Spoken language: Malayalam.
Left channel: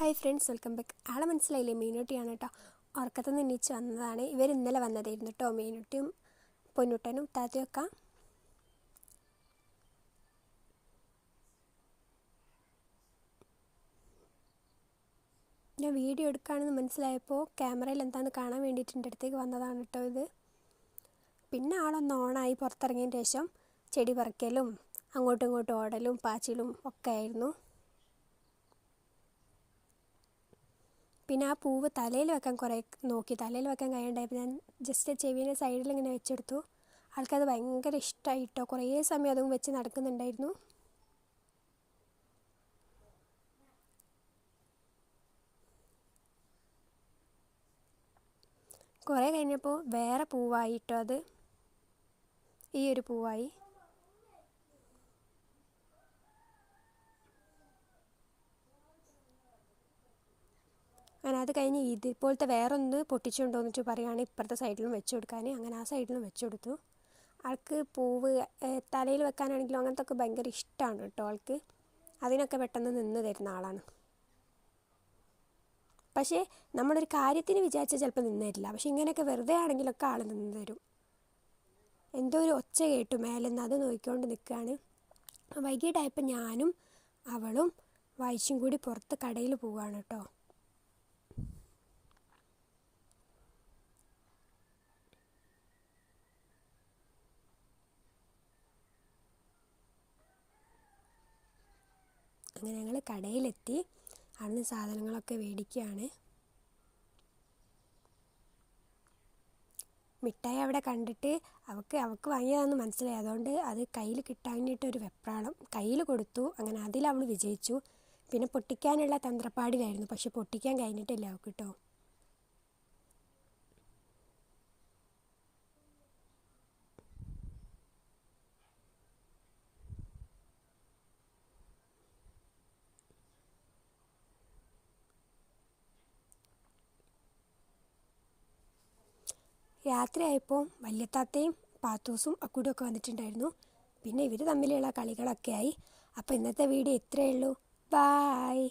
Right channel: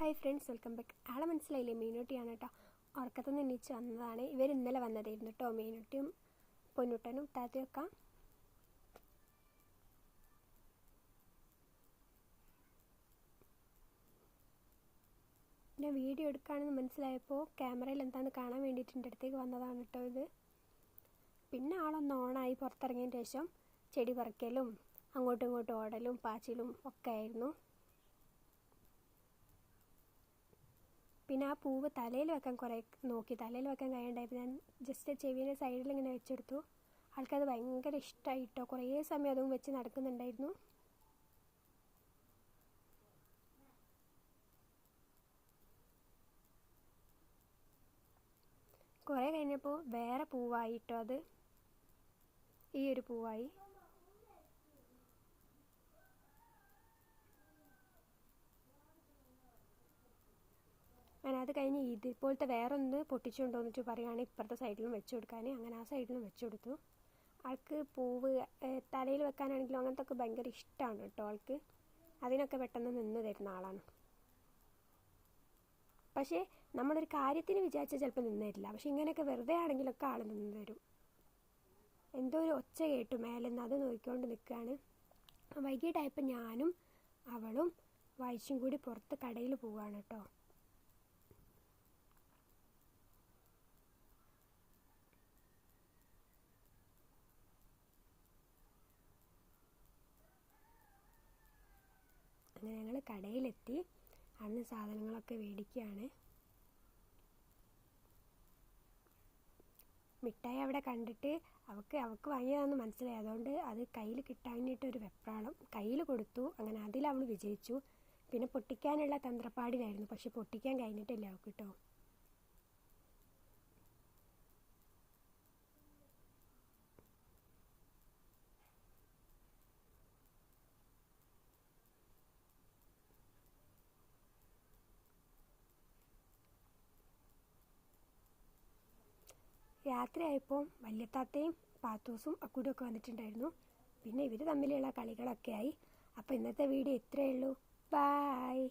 Hi friends welcome back. ആളെ മനസ്സിലായില്ലേ? മീനുട്ടിയാണ് കേട്ടോ ഉറക്കത്തു നിന്ന് എണീച്ച് വന്നതാണ്. ഇവർ ഇന്നലെ വന്നതായിരുന്നു കേട്ടോ മീനുട്ടിയും പൊന്നുട്ടനും താത്തയൊക്കെ. ഞാൻ വീഡിയോ എടുക്കുകയാണെന്ന് മനസ്സിലായപ്പോൾ ക്യാമറയിൽ എന്താണെന്ന് കാണാൻ വേണ്ടിയിട്ട് എന്റെ അടുത്തേക്ക് വന്നതാണ് കേട്ടോ ഇത്. പിന്നെ ആളൊന്ന് ഓണായി പുറത്തിറങ്ങിയതിന് ശേഷം ചെടി പറിക്കലും അങ്ങോട്ടും ഇങ്ങോട്ടും ഓടലും പാച്ചിലും ഒക്കെ ആയിരുന്നു. പിന്നെ ആ പൂവ് തലയിൽ വെക്കാൻ കുറേ നോക്കി. തലയിൽ വെക്കാൻ കഴിയണ്ടായപ്പോൾ ഞാൻ ജസ്റ്റ് ചെവിയുടെ സൈഡിൽ ഇങ്ങനെ വെച്ചെടുത്തു. ആൾക്കത് ഭയങ്കര ഇഷ്ടമായിട്ടോ കുറേ സമയം അതും വെച്ച് നടക്കുന്നുണ്ടായിരുന്നു. കുറേ കഴിഞ്ഞപ്പോൾ വേറെ പൂവായിട്ടോ അത്? ഈ ഒരു പൂവായി. അങ്ങനെ അത് കഴിഞ്ഞ് ഇതുപോലത്തെ വേറൊന്ന് പൊട്ടിച്ചുകൊണ്ട് വന്നിട്ട് പറയുകയാണെങ്കിൽ ഇപ്പുറത്തെ സൈഡിലും വെച്ച് കൊടുക്കാൻ. അങ്ങനെ ആ സൈഡിലും വെച്ച് കൊടുത്തു. ആൾക്ക് പൂവ് തലയിൽ വെക്കാനാണെങ്കിലും അങ്ങനത്തെ ഒക്കെ ഭയങ്കര ഇഷ്ടമാണ് കേട്ടോ ആൾക്ക്. അതിനൊക്കെ പെട്ടെന്ന് നിന്ന് തരുന്ന ആളാണ്. പക്ഷേ നമ്മളൊരു കാര്യത്തിന് വിചാരിച്ചാൽ ചിലപ്പോൾ നിന്ന് തരില്ല. പക്ഷെ ഇങ്ങനെയൊക്കെ വെറുതെ ആണെങ്കിലൊക്കെ ആൾ നിന്ന് തരും. എന്തോ ഒരു ഒച്ച കേട്ടു മേലെന്ന് അത് നോക്കിക്കൊണ്ട് നിൽക്കുകയാണ്. വൈകിട്ടായപ്പോൾ ഞാനും അവളും വായിച്ചും കൂടി പുറത്ത് കടയിൽ പോവുകയാണ് കേട്ടോ. അങ്ങനെ ഞങ്ങൾ കടയിലെത്തി. അവിടുന്ന് സാധനങ്ങളൊക്കെ മേടിക്കുകയാണ്. മിഠായി അവിടെ കണ്ടിട്ട് അവൾക്ക് അവൾക്ക് വാങ്ങിയതാണെന്ന് മനസ്സിലായി. അതുകൊണ്ട് അത് കയ്യിൽ കിട്ടാനായിട്ടൊരു വെപ്രാളം കയ്യിൽ കൊടുത്തു. അങ്ങനെ അതിൽ അവൾ വിജയിച്ചു. പിന്നെ പൊട്ടിക്കാനുള്ള തന്ത്രപ്പാടിലായിരുന്നു. പക്ഷെ പൊട്ടിക്കാൻ കഴിഞ്ഞിട്ടില്ല അവൾക്ക് കേട്ടോ. രാത്രിയായപ്പോൾ വല്യത്താത്തയും പാത്തൂസും ഒക്കെ വന്നിട്ടുണ്ടായിരുന്നു. പിന്നെ ഇവർ തമ്മിലുള്ള കളികളൊക്കെ ആയി. അപ്പോൾ ഇന്നത്തെ വീഡിയോ ഇത്രയേ ഉള്ളൂ. ബായ്